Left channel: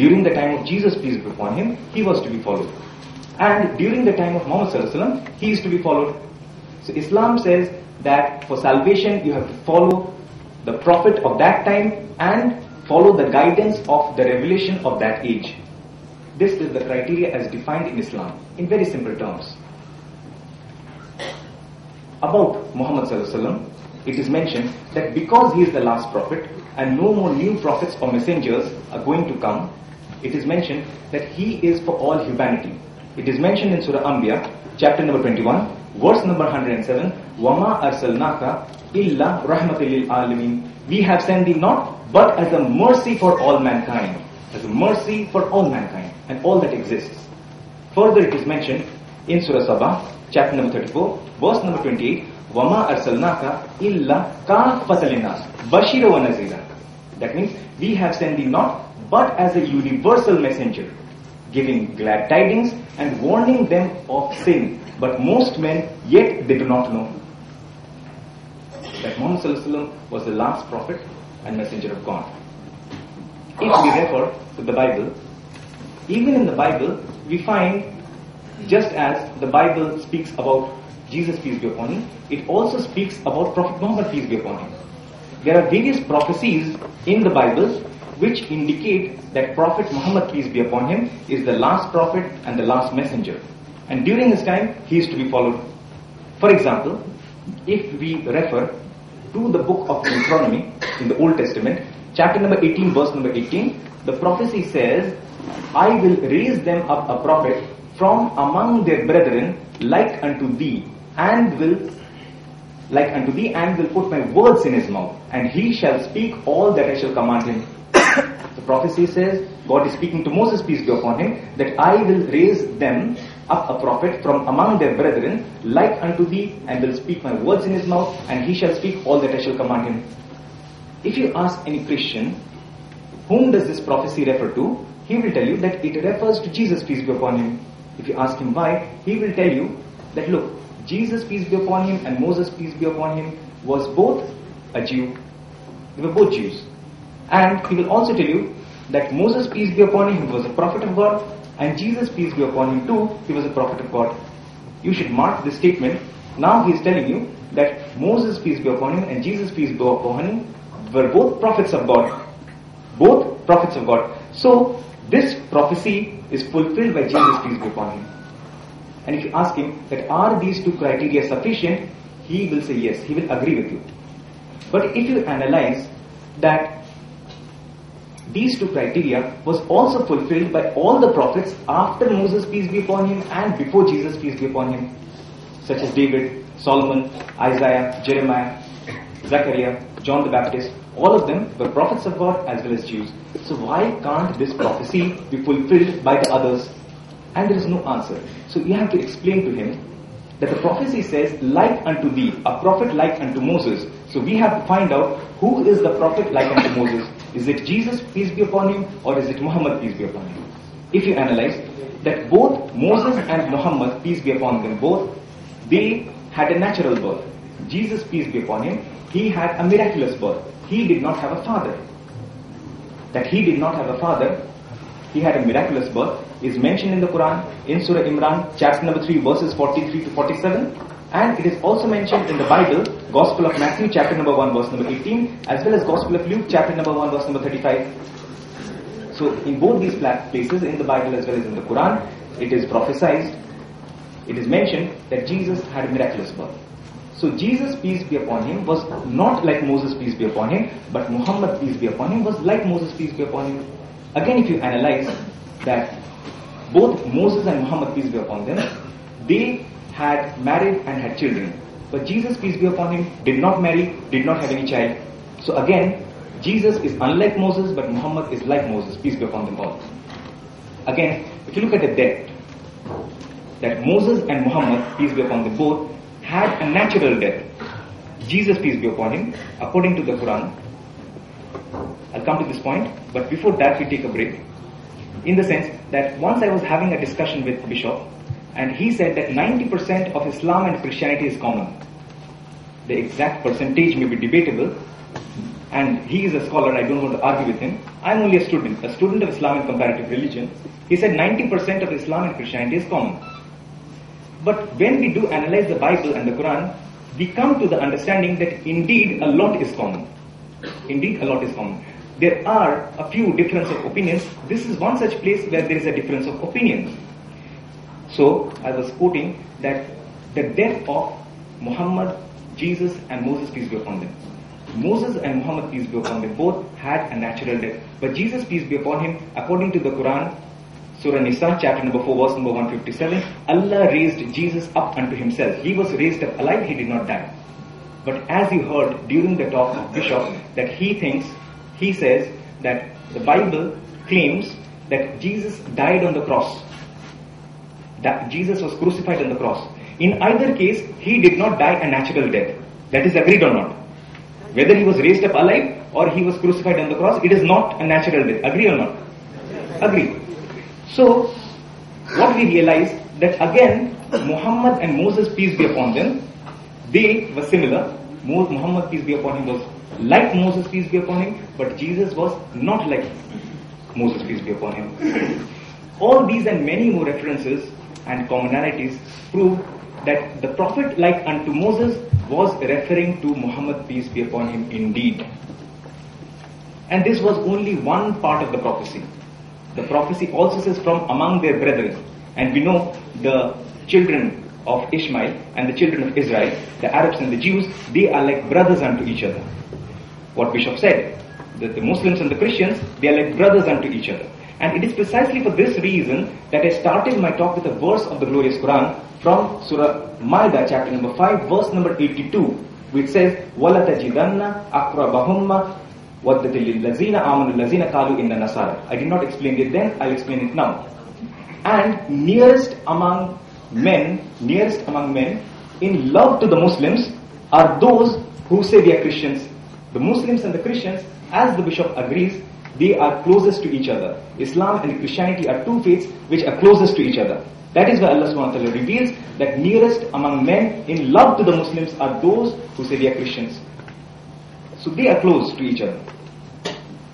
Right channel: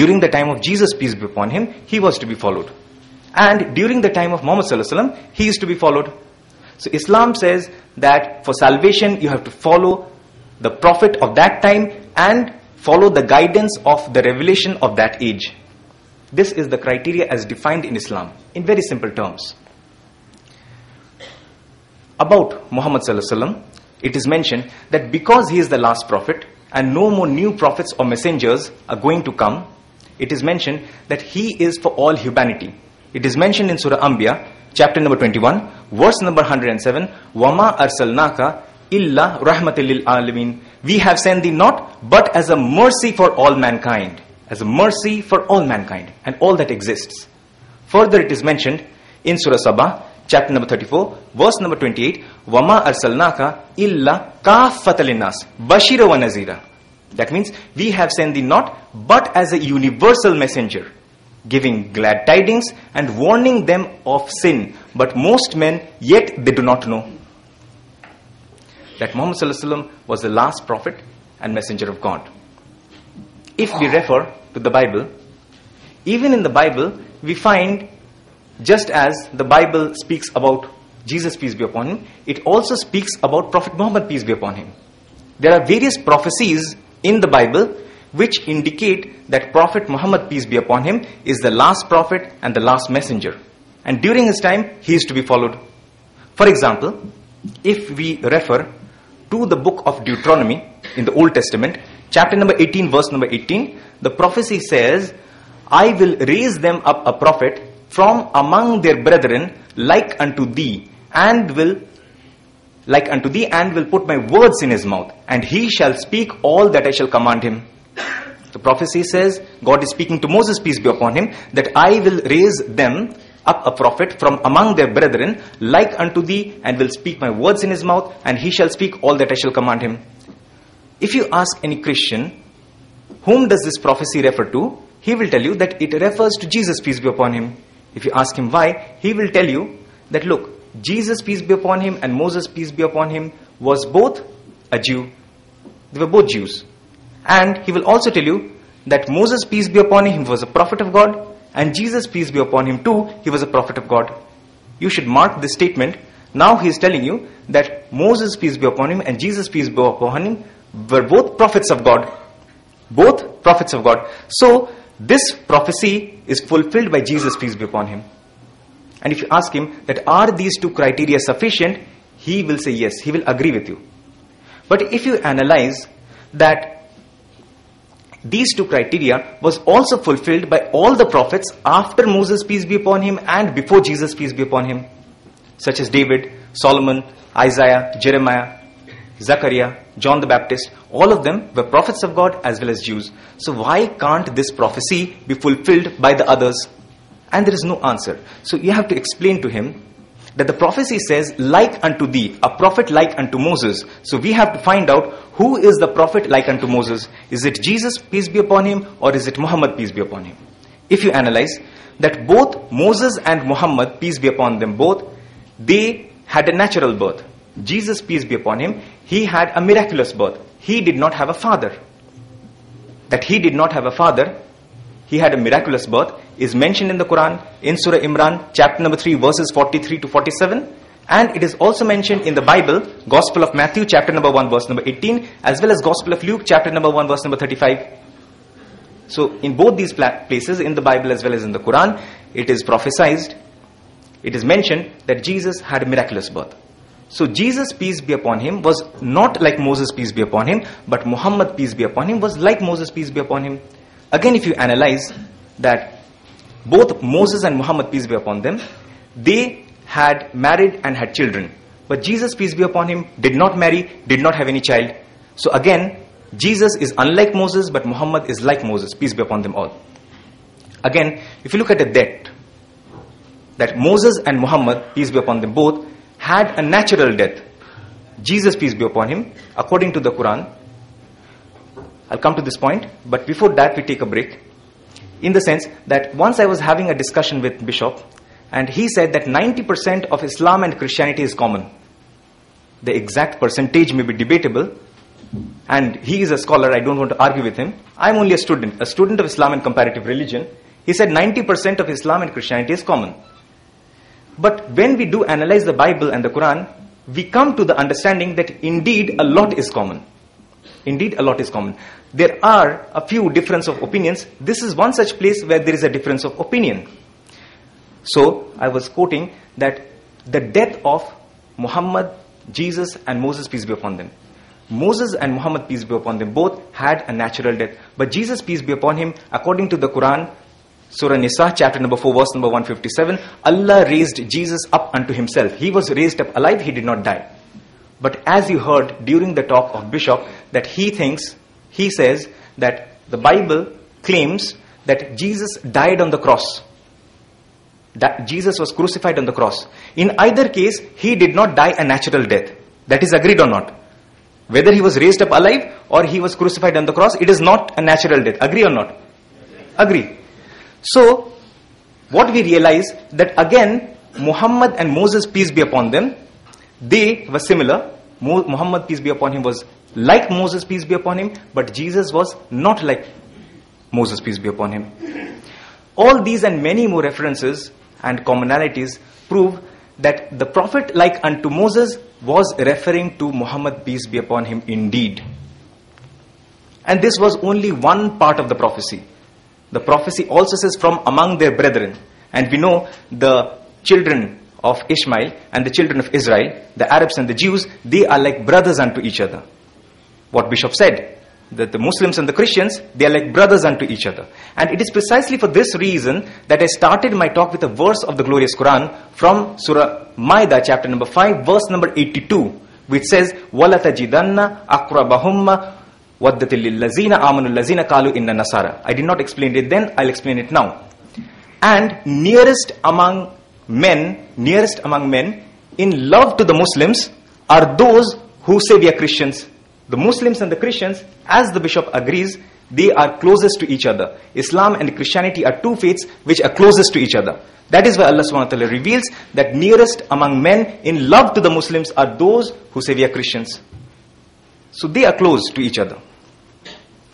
During the time of Jesus, peace be upon him, he was to be followed. And during the time of Muhammad sallallahu alaihi wasallam, he is to be followed. So Islam says that for salvation, you have to follow the Prophet of that time and follow the guidance of the revelation of that age. This is the criteria as defined in Islam, in very simple terms. About Muhammad sallallahu alaihi wasallam, it is mentioned that because he is the last prophet and no more new prophets or messengers are going to come, it is mentioned that he is for all humanity. It is mentioned in Surah Anbiya, chapter number 21, verse number 107, وَمَا أَرْسَلْنَاكَ إِلَّا رَحْمَةً لِلْعَالَمِينَ. We have sent thee not, but as a mercy for all mankind. As a mercy for all mankind and all that exists. Further it is mentioned in Surah Sabah, chapter number 34, verse number 28, وَمَا أَرْسَلْنَاكَ إِلَّا كَافَّةً لِلنَّاسِ بَشِيرًا وَنَذِيرًا. That means we have sent thee not, but as a universal messenger, giving glad tidings and warning them of sin. But most men, yet they do not know that Muhammad sallallahu alaihi wasallam was the last prophet and messenger of God. If we refer to the Bible, even in the Bible, we find, just as the Bible speaks about Jesus, peace be upon him, it also speaks about Prophet Muhammad, peace be upon him. There are various prophecies in the Bible which indicate that Prophet Muhammad, peace be upon him, is the last prophet and the last messenger. And during his time, he is to be followed. For example, if we refer to the book of Deuteronomy in the Old Testament, chapter number 18, verse number 18, the prophecy says, I will raise them up a prophet from among their brethren like unto thee, and will put my words in his mouth, and he shall speak all that I shall command him. The prophecy says, God is speaking to Moses, peace be upon him, that I will raise them up a prophet from among their brethren like unto thee, and will speak my words in his mouth, and he shall speak all that I shall command him. If you ask any Christian, whom does this prophecy refer to? He will tell you that it refers to Jesus, peace be upon him. If you ask him why, he will tell you that look, Jesus, peace be upon him, and Moses, peace be upon him, was both a Jew. They were both Jews. And he will also tell you that Moses, peace be upon him, was a prophet of God, and Jesus, peace be upon him too, he was a prophet of God. You should mark this statement. Now he is telling you that Moses, peace be upon him, and Jesus, peace be upon him, were both prophets of God. Both prophets of God. So, this prophecy is fulfilled by Jesus, peace be upon him. And if you ask him that are these two criteria sufficient, he will say yes, he will agree with you. But if you analyze that these two criteria was also fulfilled by all the prophets after Moses, peace be upon him, and before Jesus, peace be upon him, such as David, Solomon, Isaiah, Jeremiah, Zechariah, John the Baptist, all of them were prophets of God as well as Jews. So why can't this prophecy be fulfilled by the others? And there is no answer. So you have to explain to him that the prophecy says, like unto thee, a prophet like unto Moses. So we have to find out who is the prophet like unto Moses. Is it Jesus, peace be upon him, or is it Muhammad, peace be upon him? If you analyze that both Moses and Muhammad, peace be upon them both, they had a natural birth. Jesus, peace be upon him, he had a miraculous birth. He did not have a father. That he did not have a father, he had a miraculous birth, is mentioned in the Quran, in Surah Imran, chapter number 3, verses 43 to 47. And it is also mentioned in the Bible, Gospel of Matthew, chapter number 1, verse number 18, as well as Gospel of Luke, chapter number 1, verse number 35. So in both these places, in the Bible as well as in the Quran, it is prophesied, it is mentioned that Jesus had a miraculous birth. So Jesus, peace be upon him, was not like Moses, peace be upon him, but Muhammad, peace be upon him, was like Moses, peace be upon him. Again, if you analyze that both Moses and Muhammad, peace be upon them, they had married and had children. But Jesus, peace be upon him, did not marry, did not have any child. So again, Jesus is unlike Moses, but Muhammad is like Moses, peace be upon them all. Again, if you look at the death, that Moses and Muhammad, peace be upon them both, had a natural death. Jesus, peace be upon him, according to the Quran. I'll come to this point, but before that we take a break. In the sense that once I was having a discussion with Bishop, and he said that 90% of Islam and Christianity is common. The exact percentage may be debatable, and he is a scholar, I don't want to argue with him. I'm only a student of Islam and comparative religion. He said 90% of Islam and Christianity is common. But when we do analyze the Bible and the Quran, we come to the understanding that indeed a lot is common. Indeed a lot is common. There are a few difference of opinions. This is one such place where there is a difference of opinion. So, I was quoting that the death of Muhammad, Jesus and Moses, peace be upon them. Moses and Muhammad, peace be upon them, both had a natural death. But Jesus, peace be upon him, according to the Quran, Surah Nisa, chapter number 4, verse number 157, Allah raised Jesus up unto himself. He was raised up alive, he did not die. But as you heard during the talk of Bishop, that he says that the Bible claims that Jesus died on the cross. That Jesus was crucified on the cross. In either case, he did not die a natural death. That is agreed or not? Whether he was raised up alive or he was crucified on the cross, it is not a natural death. Agree or not? Agree. So, what we realize that again, Muhammad and Moses, peace be upon them, they were similar. Muhammad, peace be upon him, was like Moses, peace be upon him, but Jesus was not like Moses, peace be upon him. All these and many more references and commonalities prove that the prophet like unto Moses was referring to Muhammad, peace be upon him, indeed. And this was only one part of the prophecy. The prophecy also says from among their brethren. And we know the children of Ishmael and the children of Israel, the Arabs and the Jews, they are like brothers unto each other. What Bishop said, that the Muslims and the Christians, they are like brothers unto each other. And it is precisely for this reason that I started my talk with a verse of the glorious Quran from Surah Maida, chapter number 5, verse number 82, which says, وَلَتَجِدَنَّ أَقْرَبَهُمَّ وَدَّةٍ لِلَّذِينَ آمَنُوا الَّذِينَ قَالُوا إِنَّ نَصَارَى. I did not explain it then, I'll explain it now. And nearest among men in love to the Muslims are those who say we are Christians. The Muslims and the Christians, as the Bishop agrees, they are closest to each other. Islam and Christianity are two faiths which are closest to each other. That is why Allah subhanahu wa ta'ala reveals that nearest among men in love to the Muslims are those who say we are Christians. So they are close to each other.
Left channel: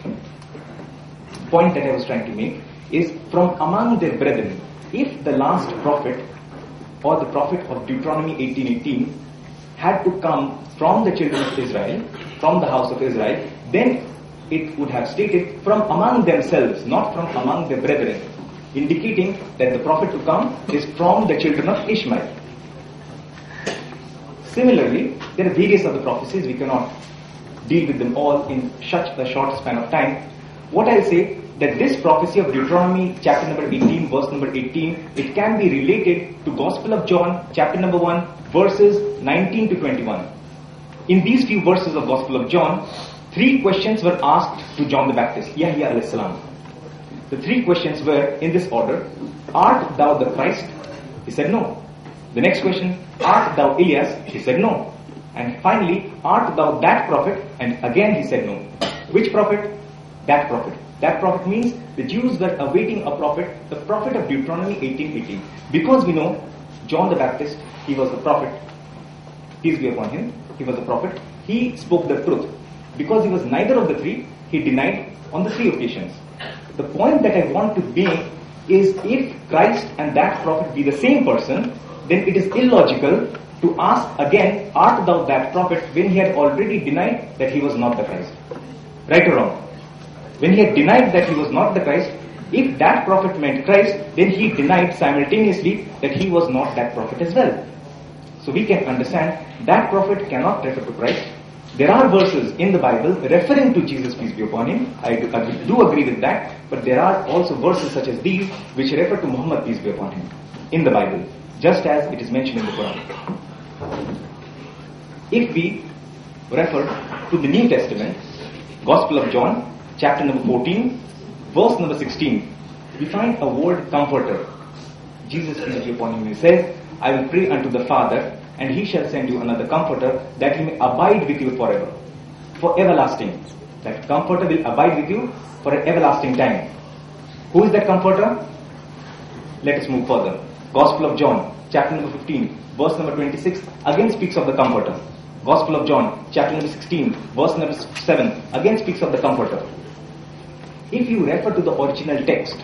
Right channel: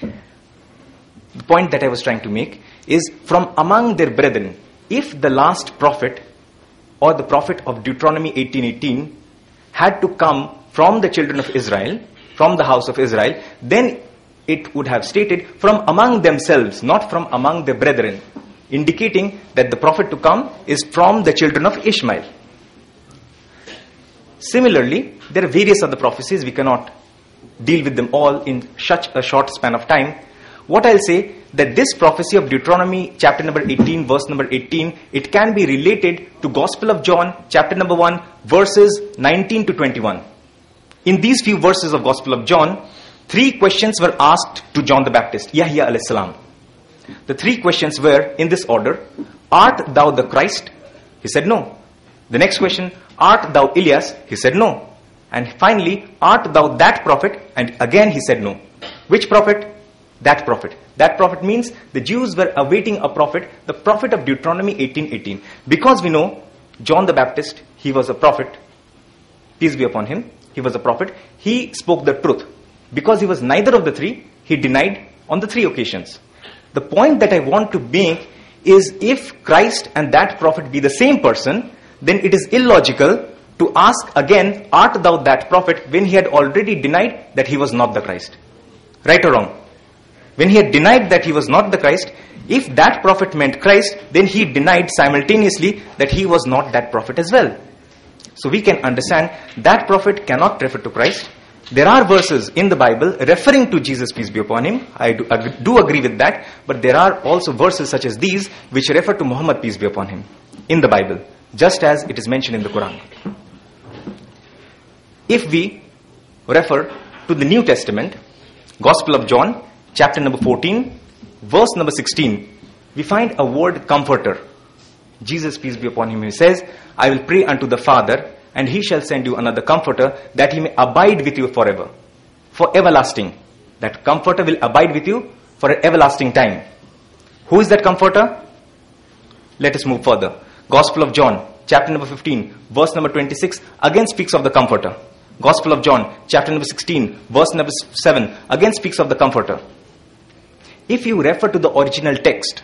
The point that I was trying to make is from among their brethren, if the last prophet or the prophet of Deuteronomy 18:18 had to come from the children of Israel, from the house of Israel, then it would have stated from among themselves, not from among their brethren, indicating that the prophet to come is from the children of Ishmael. Similarly, there are various other prophecies. We cannot deal with them all in such a short span of time. What I'll say, that this prophecy of Deuteronomy chapter number 18, verse number 18, it can be related to Gospel of John chapter number 1, verses 19 to 21. In these few verses of Gospel of John, 3 questions were asked to John the Baptist, Yahya alayhi salam. The 3 questions were in this order: art thou the Christ? He said no. The next question, art thou Elias? He said no. And finally, art thou that prophet? And again he said no. Which prophet? That prophet. That prophet means the Jews were awaiting a prophet, the prophet of Deuteronomy 18:18. Because we know John the Baptist, he was a prophet, peace be upon him, he was a prophet, he spoke the truth. Because he was neither of the 3, he denied on the 3 occasions. The point that I want to make is, if Christ and that prophet be the same person, then it is illogical to ask again, art thou that prophet, when he had already denied that he was not the Christ. Right or wrong? When he had denied that he was not the Christ, if that prophet meant Christ, then he denied simultaneously that he was not that prophet as well. So we can understand that prophet cannot refer to Christ. There are verses in the Bible referring to Jesus, peace be upon him. I do agree with that. But there are also verses such as these which refer to Muhammad, peace be upon him, in the Bible, just as it is mentioned in the Quran. If we refer to the New Testament, Gospel of John, chapter number 14, verse number 16, we find a word comforter. Jesus, peace be upon him, he says, I will pray unto the Father, and he shall send you another comforter, that he may abide with you forever, for everlasting. That comforter will abide with you for an everlasting time. Who is that comforter? Let us move further. Gospel of John, chapter number 15, verse number 26, again speaks of the comforter. Gospel of John, chapter number 16, verse number 7, again speaks of the Comforter. If you refer to the original text,